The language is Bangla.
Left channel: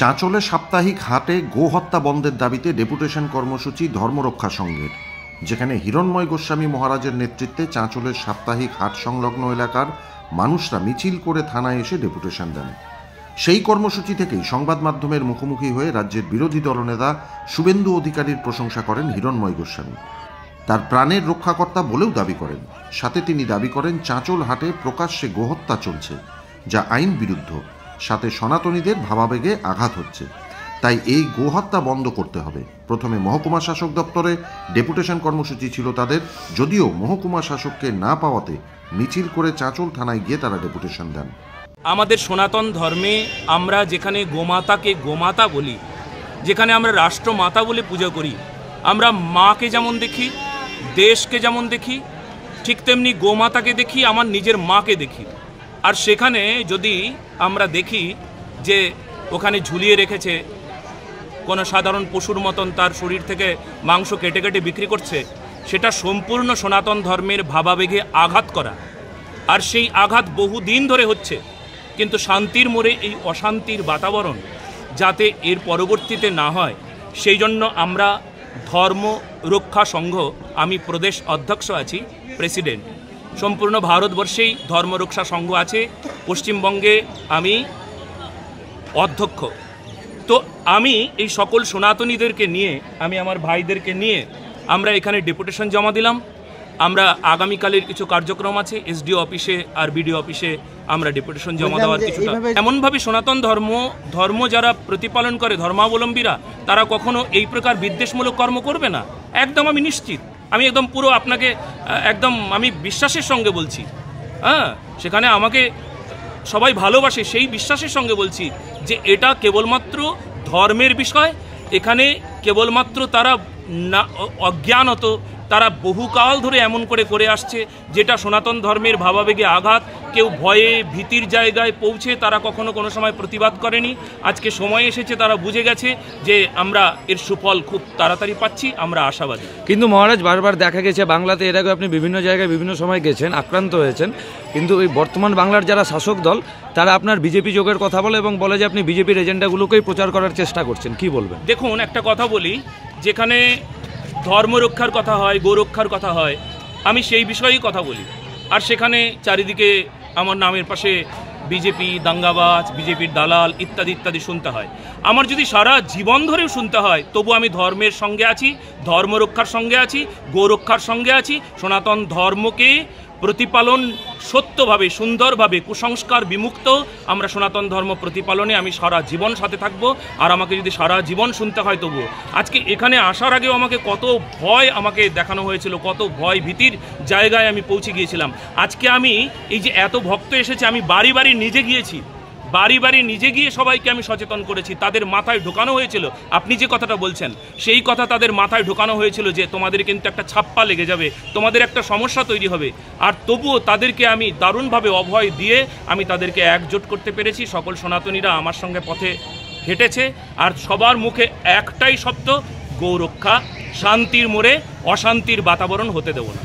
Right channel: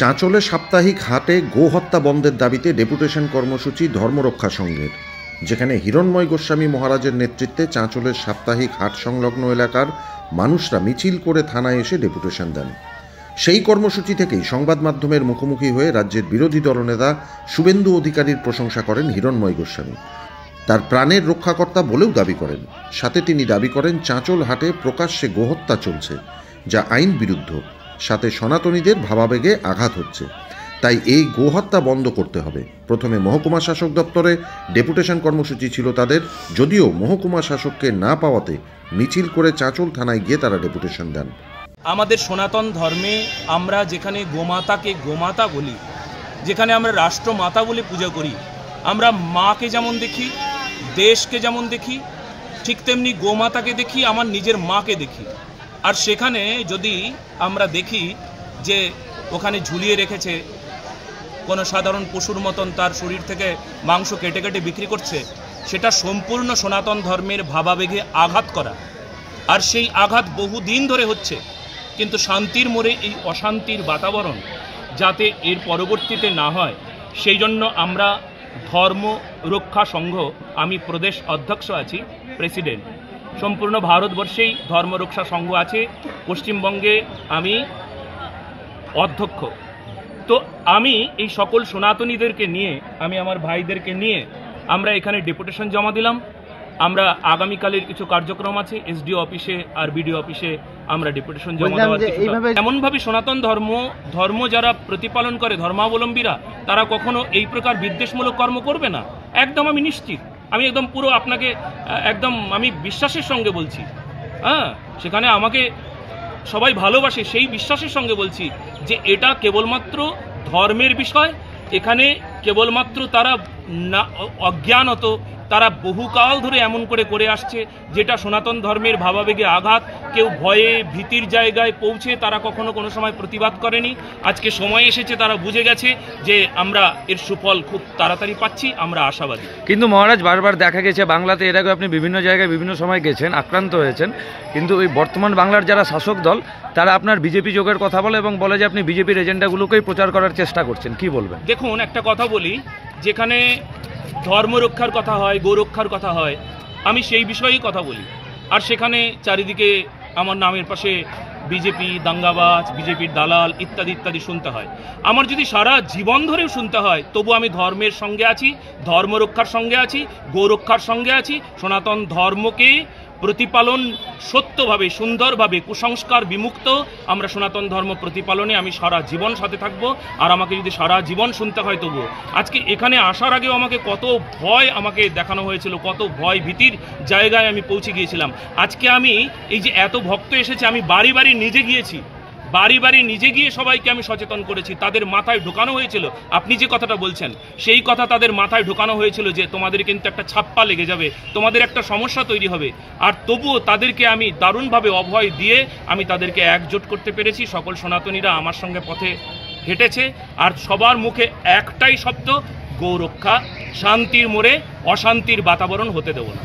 চাঁচলে সাপ্তাহিক হাটে গোহত্যা বন্ধের দাবিতে ডেপুটেশন কর্মসূচি ধর্মরক্ষা সংঘের, যেখানে হিরণ্ময় গোস্বামী মহারাজের নেতৃত্বে চাঁচলের সাপ্তাহিক হাট সংলগ্ন এলাকার মানুষরা মিছিল করে থানায় এসে ডেপুটেশন দেন। সেই কর্মসূচি থেকেই সংবাদ মাধ্যমের মুখোমুখি হয়ে রাজ্যের বিরোধী দলনেতা শুভেন্দু অধিকারীর প্রশংসা করেন হিরণ্ময় গোস্বামী। তার প্রাণের রক্ষাকর্তা বলেও দাবি করেন। সাথে তিনি দাবি করেন চাঁচল হাটে প্রকাশ্যে গোহত্যা চলছে, যা আইন বিরুদ্ধ। সাথে সনাতনীদের ভাবাবেগে আঘাত হচ্ছে, তাই এই গোহত্যা বন্ধ করতে হবে। প্রথমে মহকুমা শাসক দপ্তরে ডেপুটেশন কর্মসূচি ছিল তাদের, যদিও মহকুমা শাসককে না পাওয়াতে মিছিল করে চাঁচল থানায় গিয়ে তারা ডেপুটেশন দেন। আমাদের সনাতন ধর্মে আমরা যেখানে গোমাতাকে গোমাতা বলি, যেখানে আমরা রাষ্ট্রমাতা বলে পূজা করি, আমরা মাকে যেমন দেখি, দেশকে যেমন দেখি, ঠিক তেমনি গোমাতাকে দেখি, আমার নিজের মাকে দেখি। আর সেখানে যদি আমরা দেখি যে ওখানে ঝুলিয়ে রেখেছে কোনো সাধারণ পশুর মতন, তার শরীর থেকে মাংস কেটে কেটে বিক্রি করছে, সেটা সম্পূর্ণ সনাতন ধর্মের ভাবাবেগে আঘাত করা। আর সেই আঘাত বহুদিন ধরে হচ্ছে, কিন্তু শান্তির মোড়ে এই অশান্তির বাতাবরণ যাতে এর পরবর্তীতে না হয়, সেই জন্য আমরা ধর্ম রক্ষা সংঘ, আমি প্রদেশ অধ্যক্ষ আছি, প্রেসিডেন্ট। সম্পূর্ণ ভারতবর্ষেই ধর্মরক্ষা সংঘ আছে, পশ্চিমবঙ্গে আমি অধ্যক্ষ। তো আমি এই সকল সনাতনীদেরকে নিয়ে, আমি আমার ভাইদেরকে নিয়ে আমরা এখানে ডেপুটেশন জমা দিলাম। আমরা আগামীকালের কিছু কার্যক্রম আছে, এসডিও অফিসে আর বিডিও অফিসে আমরা ডেপুটেশন জমা দেওয়ার কিছু। এমনভাবে সনাতন ধর্ম যারা প্রতিপালন করে, ধর্মাবলম্বীরা, তারা কখনো এই প্রকার বিদ্বেষমূলক কর্ম করবে না, একদম আমি নিশ্চিত। আমি একদম পুরো আপনাকে একদম আমি বিশ্বাসের সঙ্গে বলছি। হ্যাঁ, সেখানে আমাকে সবাই ভালোবাসে, সেই বিশ্বাসের সঙ্গে বলছি যে এটা কেবলমাত্র ধর্মের বিষয়। এখানে কেবলমাত্র তারা না অজ্ঞানত, তারা বহুকাল ধরে এমন করে আসছে যেটা সনাতন ধর্মের ভাবাবেগে আঘাত। কেউ ভয়ে ভীতির জায়গায় পৌঁছে তারা কখনো কোনো সময় প্রতিবাদ করেনি। আজকে সময় এসেছে, তারা বুঝে গেছে যে আমরা এর সুফল খুব তাড়াতাড়ি পাচ্ছি, আমরা আশাবাদী। কিন্তু মহারাজ, বারবার দেখা গেছে বাংলাতে, এর আগে আপনি বিভিন্ন জায়গায় বিভিন্ন সময় গেছেন, আক্রান্ত হয়েছেন, কিন্তু এই বর্তমান বাংলার যারা শাসক দল, তারা আপনার বিজেপি যোগের কথা বলে এবং বলে যে আপনি বিজেপির এজেন্ডাগুলোকেই প্রচার করার চেষ্টা করছেন। কি বলবেন? দেখুন, একটা কথা বলি, যেখানে ধর্মরক্ষার কথা হয়, গোরক্ষার কথা হয়, আমি সেই বিষয়েই কথা বলি। আর সেখানে চারিদিকে আমার নামের পাশে বিজেপি দাঙ্গাবাজ, বিজেপির দালাল ইত্যাদি ইত্যাদি শুনতে হয়। আমার যদি সারা জীবন ধরেও শুনতে হয়, তবু আমি ধর্মের সঙ্গে আছি, ধর্মরক্ষার সঙ্গে আছি, গোরক্ষার সঙ্গে আছি। সনাতন ধর্মকে প্রতিপালন সত্যভাবে, সুন্দরভাবে, কুসংস্কার বিমুক্ত আমরা সনাতন ধর্ম প্রতিপালনে আমি সারা জীবন সাথে থাকব। আর আমাকে যদি সারা জীবন শুনতে হয় তবুও। আজকে এখানে আসার আগেও আমাকে কত ভয় আমাকে দেখানো হয়েছিল, কত ভয় ভীতির জায়গায় আমি পৌঁছে গিয়েছিলাম। আজকে আমি এই যে এত ভক্ত এসেছে, আমি বাড়ি বাড়ি নিজে গিয়েছি, বাড়ি বাড়ি নিজে গিয়ে সবাইকে আমি সচেতন করেছি। তাদের মাথায় ঢোকানো হয়েছিল, আপনি যে কথাটা বলছেন সেই কথা তাদের মাথায় ঢোকানো হয়েছিল যে তোমাদের কিন্তু একটা ছাপ্পা লেগে যাবে, তোমাদের একটা সমস্যা তৈরি হবে। আর তবুও তাদেরকে আমি দারুণভাবে অভয় দিয়ে আমি তাদেরকে একজোট করতে পেরেছি। সকল সনাতনীরা আমার সঙ্গে পথে হেঁটেছে, আর সবার মুখে একটাই শব্দ, গৌরক্ষা। শান্তির মোড়ে অশান্তির বাতাবরণ হতে দেব না।